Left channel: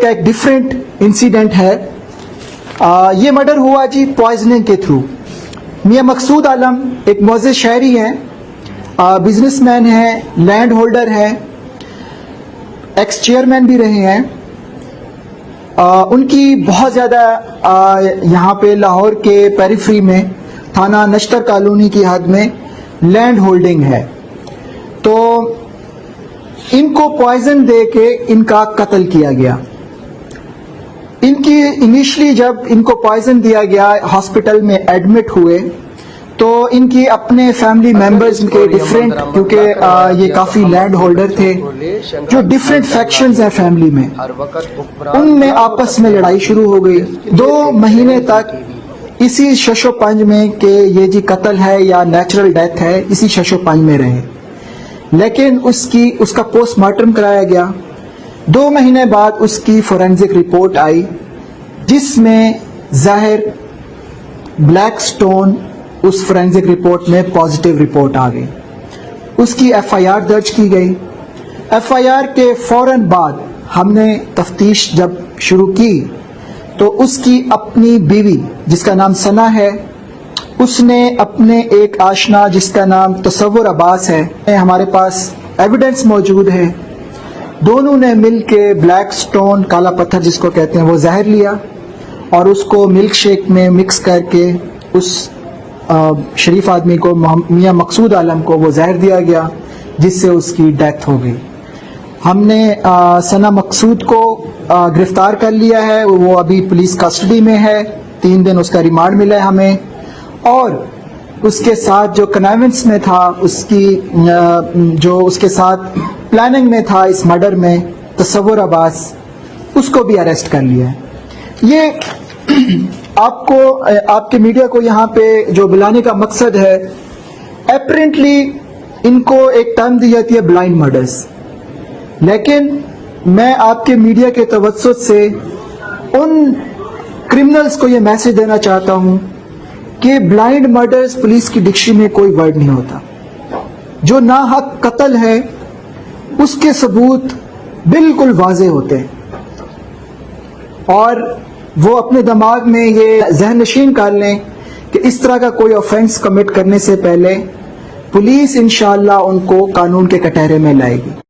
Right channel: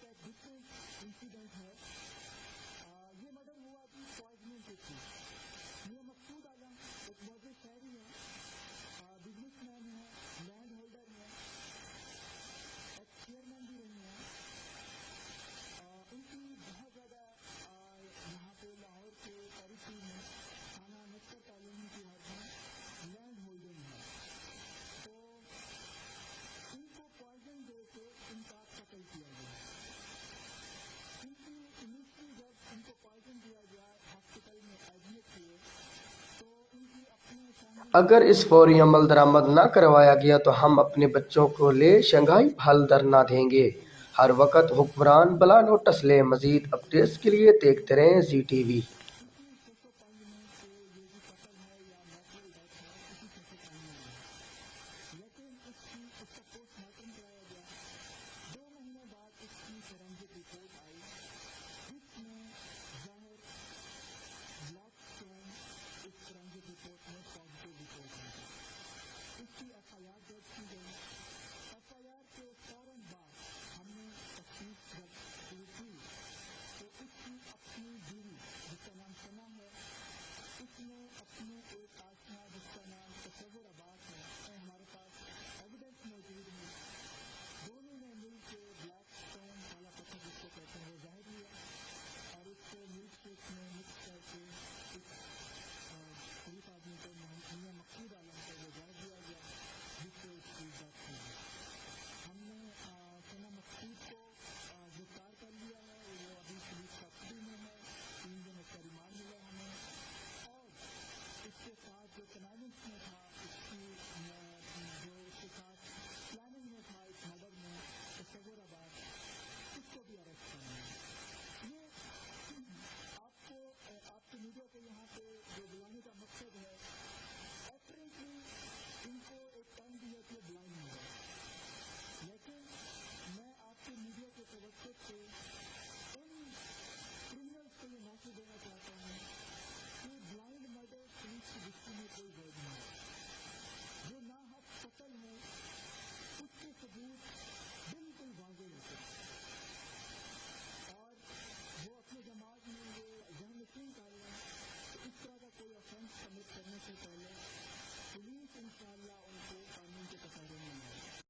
کا ایک different incident ہے. یہ مرڈر ہوا جی پوائزننگ کے تھرو. میاں مقصود عالم ایک معزز شہری ہیں, بزنس مین ہیں, لینڈ ہولڈر ہیں, ایکس چیئرمین بھی رہے ہیں. ان کی بہت زیادہ یہاں پہ لاہور کے پیریفری میں تھانہ نشتر کالونی کی حد میں لینڈ ہولڈنگ ہے. تو ان کو پوائزن دے کے ان کا قتل کیا گیا. ان کی انیشلی جب ان کو پوائزن دیا گیا, ہاسپٹل میں ایڈمٹ ہوئے, تو ان کی اپنے فیملی ممبرز کے ڈیفرنٹ, کیونکہ یہ کافی لینڈ ہولڈر تھے, جو ڈیفرنٹ فیکشنز ہیں فیملی میں, ان میں آپس میں لڑائی شروع ہو گئی. 2 مہینے تک اسی شش و پنج میں کہ یہ جی قتل ہے یا نیچرل ڈیتھ ہے, اسی شش و پنج میں رہے. لیکن اس کا پوسٹ مارٹم کرایا گیا. 2 مہینے بعد اس کی فورینزک رپورٹ آئی, جس میں ظاہر بلیک سٹون اس فورینزک رپورٹ میں پازیٹیو رپورٹ آ گئی. اس کی ایف آئی آر درج کی گئی. ایف آئی آر کے فوراً بعد ہم نے تفتیش جب شروع کی تو اس کی اپنی بیوی جس کا نام ثنا ہے, اس نے اپنے ایک آشنا جس کا نام تصور عباس ہے, ہمارے پاس ایویڈنس موجود ہے, دونوں نے مل کے بلیک سٹون, کالا پتھر جس کو کہتے ہیں, وہ زہر لیا اور اس کو ملک شیک میں مکس کر کے اس شریف آدمی کو, میاں مقصود عالم کو, وہ زہر دیا گیا, جس سے اس کی ڈیتھ ہو گئی. ہم نے ثنا مقصود کو گرفتار کر لیا ہے, وہ ابھی پولیس کسٹڈی میں ہے. 3 دن اس کا ریمانڈ ملا ہے ہمیں. اور اس کے ساتھ جو کنائونس میں تھا, جو اس کے ساتھ پلاننگ میں تھا اس مرڈر میں, تصور عباس, اس کو بھی اریسٹ کر لیا ہے. یہ آپ کے میڈیا کو یہاں پہ جو بلانے کا مقصد ہے, اپیرنٹلی ان کو ایک ٹرم دی جاتی ہے بلائنڈ مرڈرز, لیکن میں آپ کے میڈیا کے توسط سے ان کرمنلز کو یہ میسج دینا چاہتا ہوں کہ بلائنڈ مرڈرز پولیس کی ڈکشنری میں کوئی ورڈ نہیں ہوتا. جو ناحق قتل ہے اس کے ثبوت بالکل واضح ہوتے ہیں, اور وہ اپنے دماغ میں یہ ذہن نشین کر لیں کہ اس طرح کا کوئی آفینس کمٹ کرنے سے پہلے پولیس انشاءاللہ ان کو قانون کے کٹہرے میں لائے گی.